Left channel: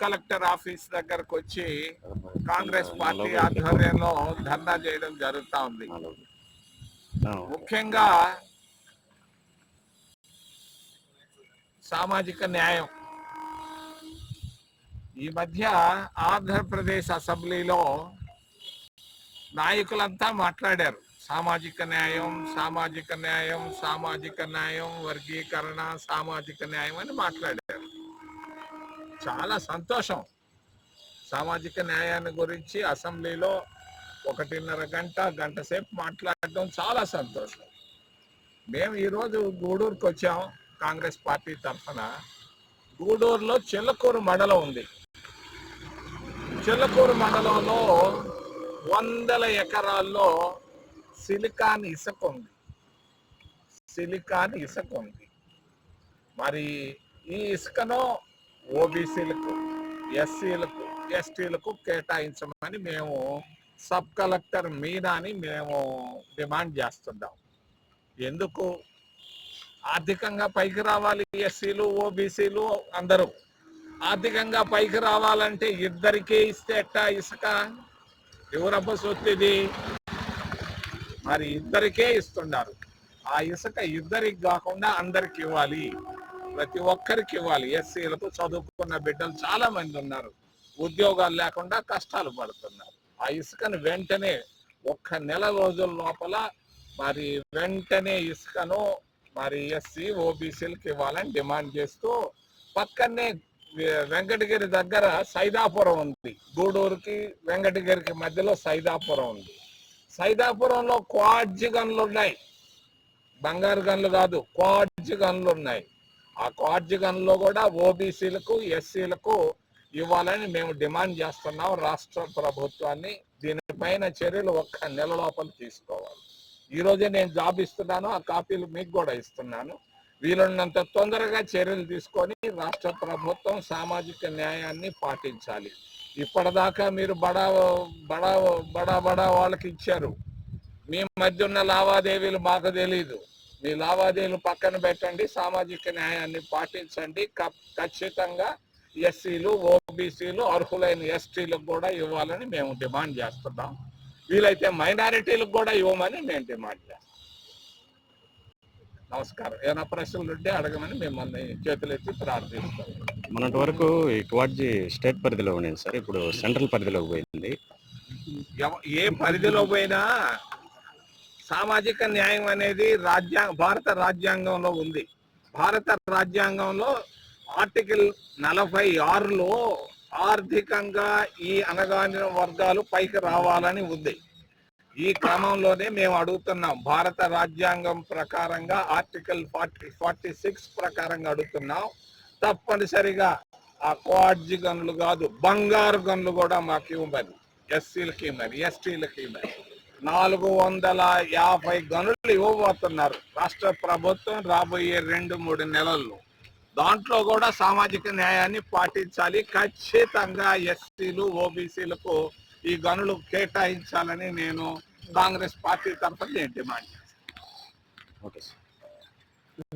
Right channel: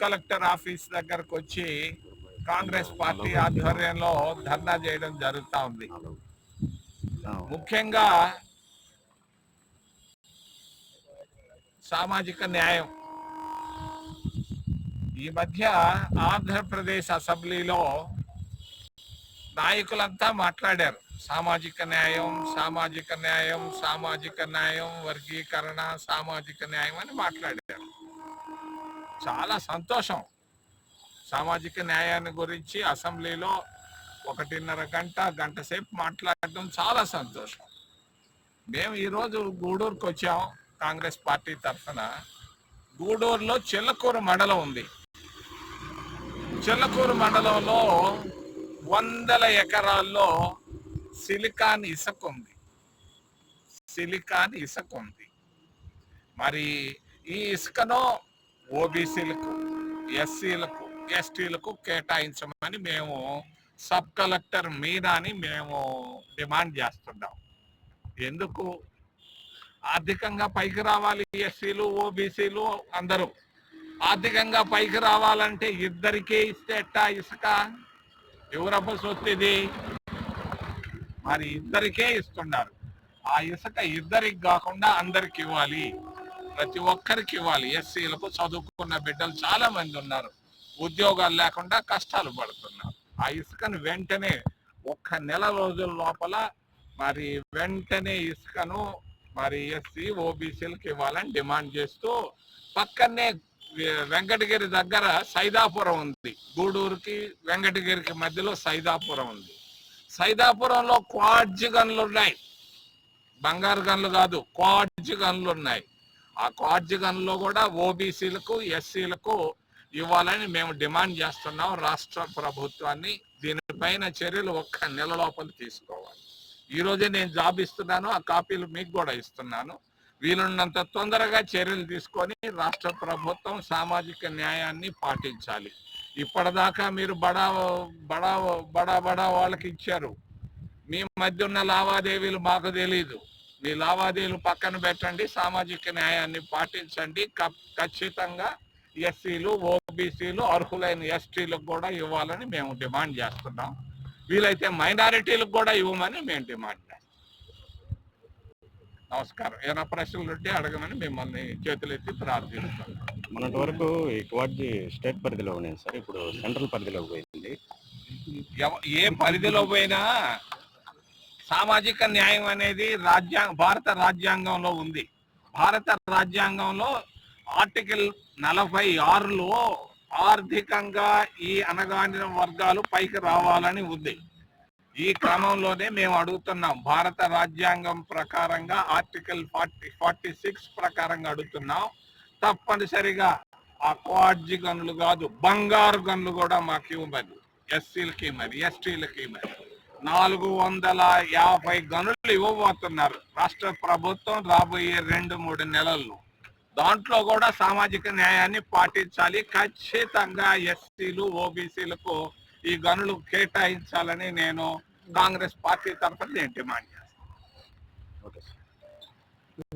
Collector office దగ్గరకు వచ్చి Congress party ఆధ్వర్యంలో ధర్నా చేయడం జరుగుతా ఉంది. ముఖ్యంగా సామాజిక న్యాయం. ఈ మధ్య ఆంధ్రప్రదేశ్ అసెంబ్లీలో నాయకులంతా మాట్లాడారు. సామాజిక న్యాయం సామాజిక న్యాయం సామాజిక న్యాయం వర్గీకరణ సామాజిక న్యాయం అని మాట్లాడారు. చాలా సంతోషం. సామాజిక న్యాయాన్ని గురించి అసెంబ్లీలో ఒకటిన్నర గంట గంట సేపు మాట్లాడడం చాలా సంతోషం. మేము ఈరోజు గూడూరుకు వచ్చాం కాంగ్రెస్ పార్టీ తరఫున. గూడూరులో చిల్లకూరు మండలం ఉంది. చిల్లకూరు మండలంలో వందల ఎకరాల్లో సిలికాన్ ఇసుక ఉంది. సిలికాన్ ఇసుక ఉంది. మరి ఈ ఇసుకను ఓబీసీలకు ఎస్సీలకు ఎస్టీలకు కేటాయించమని మేము సబ్ కలెక్టర్ మీనాని మేము డిమాండ్ చేస్తున్నాం ఎందుకు? ఆర్థికంగా పైకి రావాలి ఎస్సీలు ఓబీసీలు అందరూ. ఆర్థికంగా పైకి రావాలంటే ఇద్దరికే ఇస్తే ఎట్టా ఇసుక? ఎవరబ్బ సొత్తిది మరి ఇద్దరికే ఇస్తున్నారు ఆ ఇసుక ఇద్దరికి కాకుండా అందరికి ఇవ్వాలి. ప్రతి ఒక్కరికి ఇవ్వాలి. ఎస్సీలకు చదువుకున్న బిడ్డలు చాలా మంది ఉన్నారు. ఉద్యోగాలు లేకుండా కష్టాలు పడుతున్నారు. ఆ ఇసుకను వెంటనే ఒక్క నెల రోజుల లోపల మరి వెంటనే ఇసుకను మరి ఎస్సీ ఓబీసీలకు ఇవ్వాలని డిమాండ్ చేస్తూ పక్కనే వెంకటగిరి దగ్గర సైదాపురం ఉంది. గూడూరుకి వెంకటగిరికి మధ్యలో సైదాపురం ఉంది. సైదాపురంలో క్వాడ్జ్ గన్లు ఉన్నాయి. బంగారు గన్లు కాదు క్వాడ్జ్ గన్లు ఉన్నాయి. ఆ క్వాడ్జ్ కూడా ఓబీసీలకు ఎస్సీలకు ఇవ్వాలని మేము డిమాండ్ చేస్తున్నాం. రాష్ట్ర ప్రభుత్వాన్ని దీనిపైన చర్యలు ఒక్క నెల లోపల తీసుకోవాలి. ఈరోజే నేను జాబ్ ఇస్తున్నాను ఆ కాపీలు మీకు కూడా ఇస్తున్నాను. వీలున్నంత తొందరగా చర్యలు తీసుకొని రాష్ట్ర ప్రభుత్వం సామాజిక న్యాయాన్ని పాటించాలి. ఇప్పటిదాకా మీరు బడా బడా బడా బడా వాళ్ళకి ఇచ్చారు. మీ మధ్య ఉన్న లావాదేవీలు మాకు తెలీదు. మీ లావాదేవీలు పక్కన పెట్టండి సామాజిక న్యాయాన్ని పాటించండి. ఖచ్చితంగా ఎస్సీలు ఓబీసీలు అర్హులైన ఎస్టీలకు కూడా ఇవ్వాలని మేము డిమాండ్ చేస్తున్నాం. వీలైతే మైనారిటీలకు కూడా ఇవ్వమని మేము డిమాండ్ చేస్తాం నమస్కారం. ఏమైనా ప్రశ్నలు ఉంటే అడగమని మిమ్మల్ని చేతులెత్తి ప్రార్థిస్తాం మొన్నటి వరకు ఈ క్వాడ్జీ స్టేట్ పరిధిలో ఉండేది సార్. ఇప్పుడు సెంట్రల్ పరిధిలోకి పోయింది. ఏ పరిధిలో పోయినా సామాజిక న్యాయం అనేది రాజ్యాంగ భారత రాజ్యాంగంలో ఉంది. భారత రాజ్యాంగంలో ఆర్టికల్ నలభై ఆరులో ఆర్థికంగా ఈ అనగాని వర్గాలు పైకి రావాలని ఉంది. ఈ క్రమంలోనే మేము అడుగుతున్నాం. భారత రాజ్యాంగం ప్రకారంగా ఆర్టికల్ ఫార్టీ ఫార్టీ సిక్స్ ప్రకారంగా అడుగుతున్నాం. తప్పనిసరిగా ఆ క్వాడ్జి గన్లు కాదు బంగారు గన్లు కూడా మాకు ఇవ్వమని ఎస్సీలకి మరి ఎస్టీలకి మరి నాలుగు వందల యాభై గనులు ఇవ్వబోతున్నారు. రాష్ట్ర ప్రభుత్వం రాబోయే రెండు మూడు నెలల్లో దాంట్లో కూడా సామాజిక న్యాయాన్ని పాటించాలి. ఖచ్చితంగా ఎస్సీలు ఓబీసీలకు ఈ గనులు కేటాయించాలని నేను కాంగ్రెస్ పార్టీ తరఫున నేను డిమాండ్ చేస్తాను. Okay sir.